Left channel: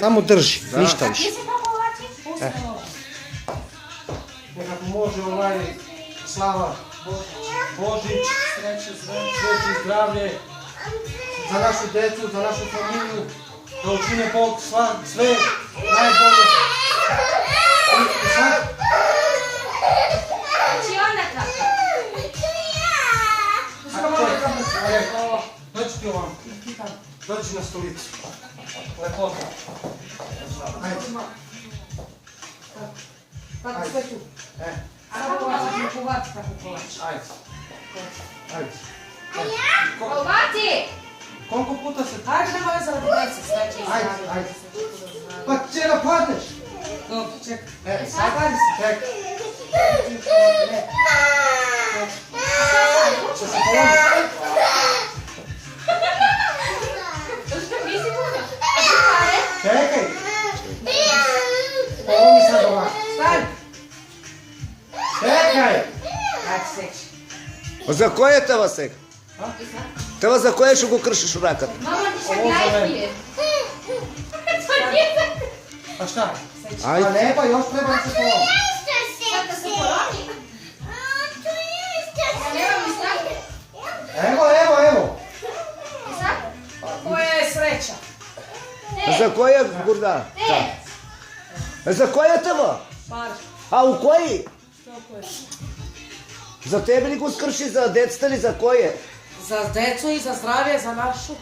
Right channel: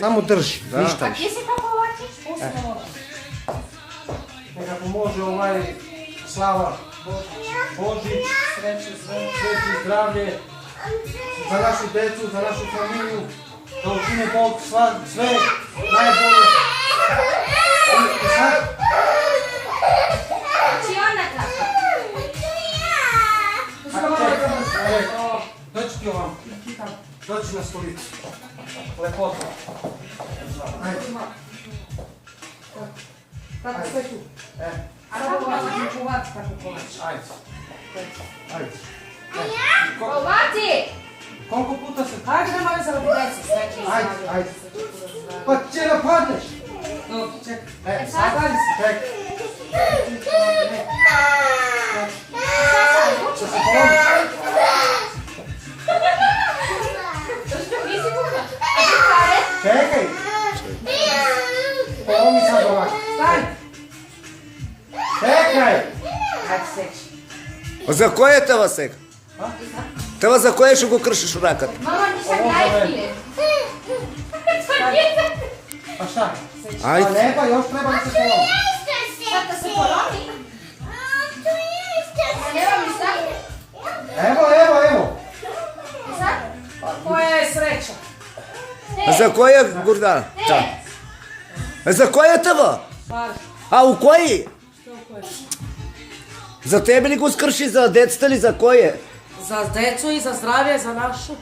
Samo drži, ništa A više. ti se kako ovlačiš? Pusti može. Nekako može Slava, Božić, sreće, zdravlje, za našu decu, za našu familiju, da učine Bog sve najbolje. I sad, Znači ona kako? dođi ti ovam, dođi na stolicu, lepota. Ajde. Kako sve tu? A kako kovač, tako kovač. Ajde. Ajde. Kovači! Koliko puta se... Ajde, nema veze radi deca, sve će Ajde, izgledati. ajde. Pa će napadneš. Dobro, čekaj. Sad čekaj. Će se polomi. Nisi puno. A ti pare? Čekaj. Polomi sad ovako. Staj! Čekaj. Ajde, seći. За кое те Васек? Те за кое ще го кршиш ракът? Mama ništa gajpije. Pa šta? Pa Ajde. ne, pa još treba da se polomi. Sad da se polomi. Evo mi sad. Evo. I sad? Koja je sreća? За кое, Гордан? За кое това? Par. А у кои? Što koje? За тебе ли го скрши, за децата ли, за кое? Za decu i za zdravlje, za našu.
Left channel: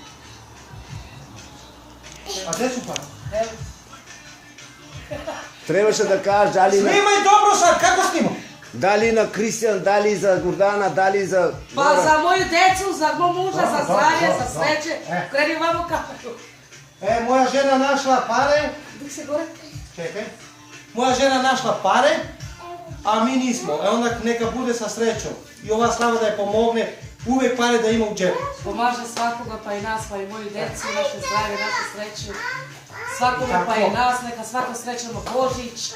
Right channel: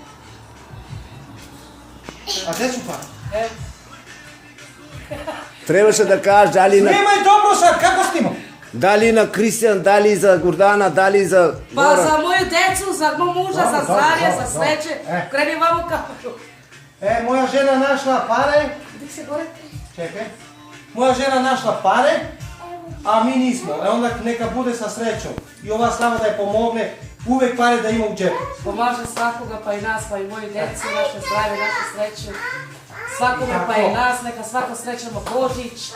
A gde su pa? Evo. Трябваше да кажеш дали на, Snimaj dobro sad, kako snimam? дали на Кристиан, дали за Гордана, дали за Pa Гора. za moju decu, za moj muža, za Dobro, zdravlje, dobro, za sreće. dobro. Kreni vamo kameru. Moja žena našla pare. Dik se gore. Čekaj. Moja žena našla pare, a mi nismo. Onda neka bude sa srećom. I ova Slava da je pomogne, uvek pare da ima u džepu. Pomaže svakoga, pa i nas, pa i moju deci, naše zdravlje, naše sreće. Svakome pa i nas, neka svako srećemo Božić.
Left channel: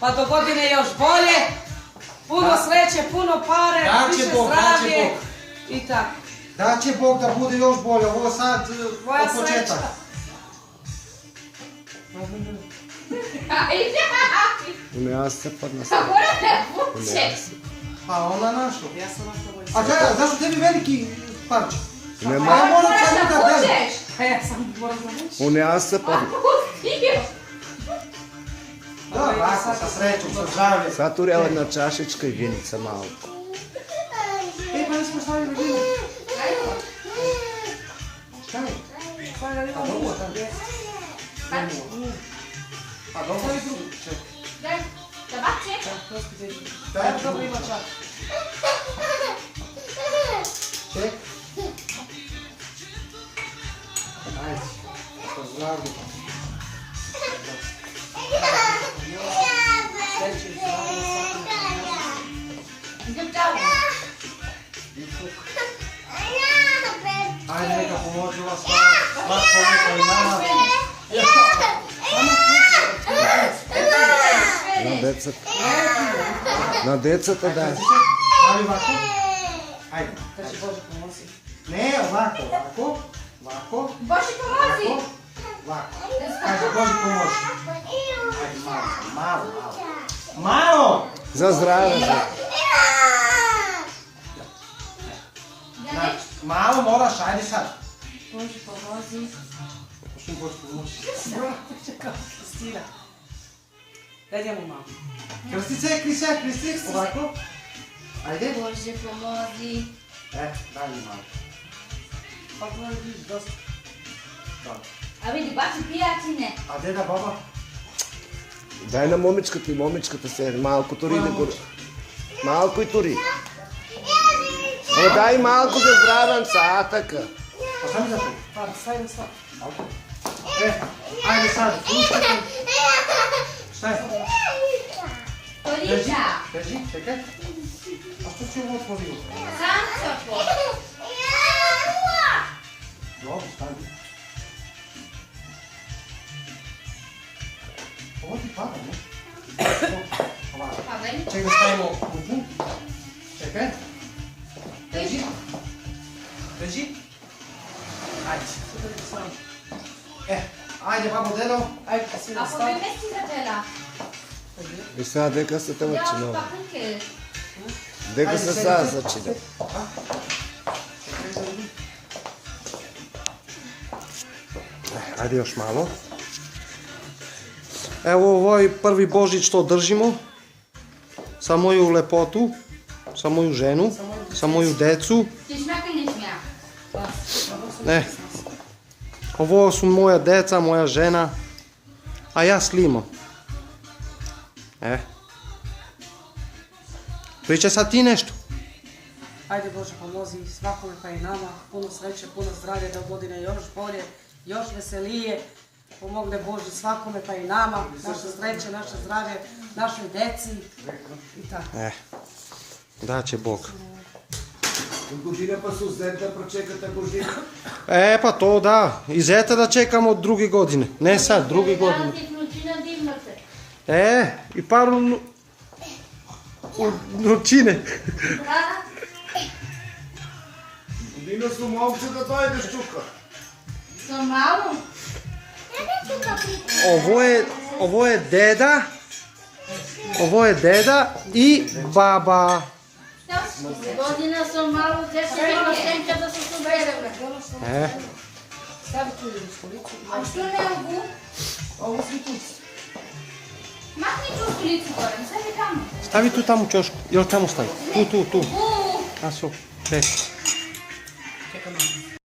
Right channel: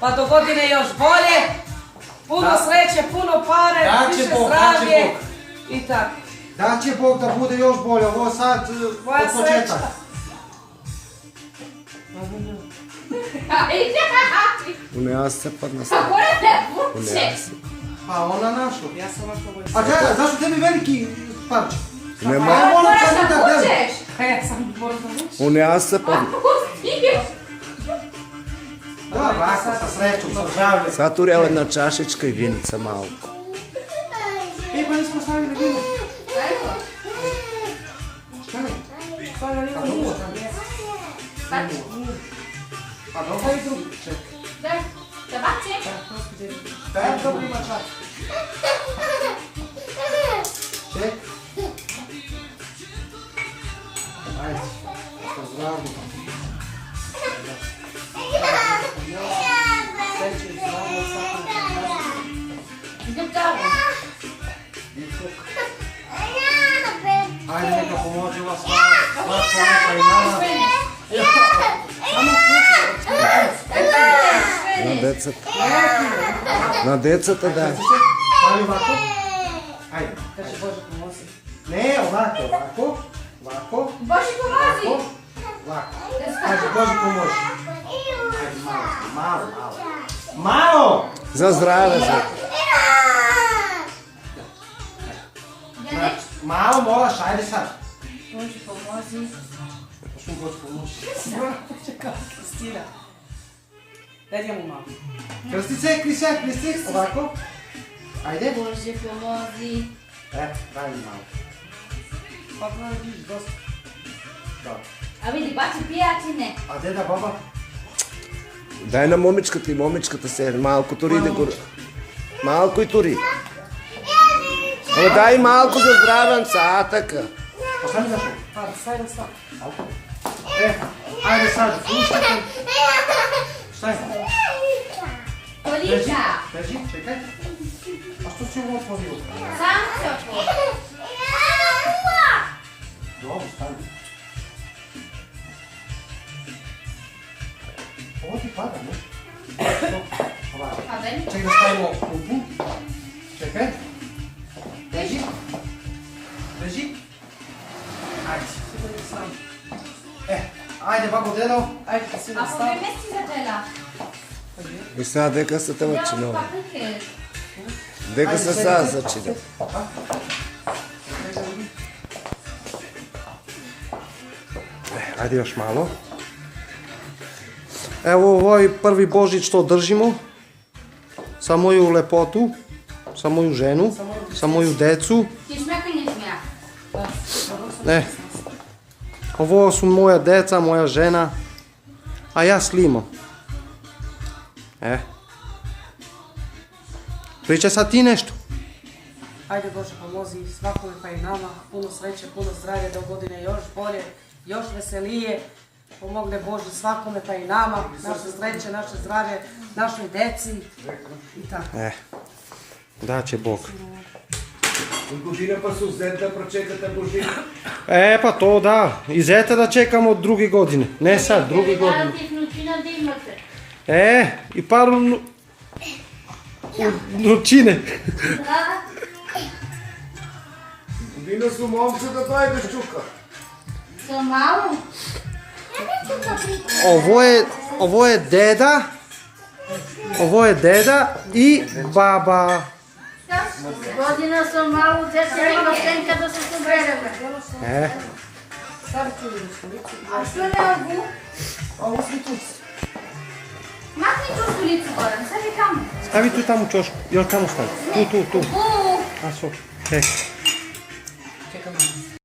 Pa do godine još bolje. Puno sreće, puno pare, Daće više Bog, zdravlje. daće Bog. I tako. Da će Bog da bude još bolje. Ovo sad Moja od početak. sreća. У нея се падна A стара. gore ne У vuče. нея се. Pa ona našla. Ja sam našla moju A čekaj, zašto tebi veliki parče? Нема. Ja moram Moraš samo da da delim. vučeš. Pa ja sam moram da vučem. У нея се падна. Pustio. Da, ovako, sa srećom, sa zdravljem. Сега турява една чашечка и виница малко. Pa nismo stavili vino. Šta ne? Stavlja li Pa vam dobro. mušta, gdje? Pa dobro. Stavi drugi. Čekaj. Daj, da baci. Evo, dobro ima čak. Ček. Ajde. Sa zdravljem. Sreće i zdravlje, svakome. Idem tamo. Ajde, neka pomože ova Slava. Slatko neka i nama. На децата. На децата, да. Stavi ovako. Ajde. Da će Bože pomozi. Ne, ovako, ovako. Ovako. Boži pomozi. Ovako. Ajde, Bože pomoži. Ajde, malo. Malo! За здраве, за. Malo moraš, ajde sad. Boži pomozi. Što Bože pomoži. Čekaj, Kristina. Daj njemu malo. Krsti se, Kristi. Ovako. Ajde. Boži pomozi. Daj mi malo. Pa gleda vidiš, dosta. Dobro. A vidi, baci pijacine. A deda, baba? Дай на момичката и момичката се малко тури да го... Малко и тури. Дай малко за здравен цатъка. Pa šta mi daš? Pa, stavim stav. Ajde sad, slušajte. Šta je? Tolika. Drži, čekaj. A što si ovo otvorio? Sam se otvori. Dobro, stavi. Ovo ti pada, ne? Ovako. Pa veli. Čekaj da stavimo klupu. Čekaj. Drži. Ajde. Ajde, babo, eno. Ajde, si A po nastavi. 2 mjeseca začela. I sad deka se to Gdje začinilo. od paprike? Deka Ajde, se sedite. sad začinilo. Ajde još malo. Evo ovaj prvi Božić što držimo. Sa moju lepotu, sa moju ženu, sa moju decu. Ti smjaka ili ne smjaka? Ne. Ovo su moja deca, moja žena, a ja slimo. Pričaj sad ti nešto. Ajde Bože pomozi svakome pa i nama, puno sreće, puno zdravlja, do godine još bolje, još veselije. Pomogne Bože svakome pa i nama, naše sreće, naše zdravlje, našoj deci i tako. Da će Bog. Godina pa su zet da pročekate Božić. Pa to da. I zeta da čekamo od druge godine. Ne sad, druge godine. Danas je vnučina da imate. I paru noćine. Da. Godina su momče da dojdeš čuka. To malo? Ovo je deda. Ovo je deda i baba. Godina sam malo, djeca ima stenka da su se vreme. Stavi tu u stolicu. A što ne ovu? Ovo svi tu. Makni tu stolicu gorem, stavi kamu. Stavi tu tamo čošku. Još tamo stavi. Tu. U, A svo. Čekaj.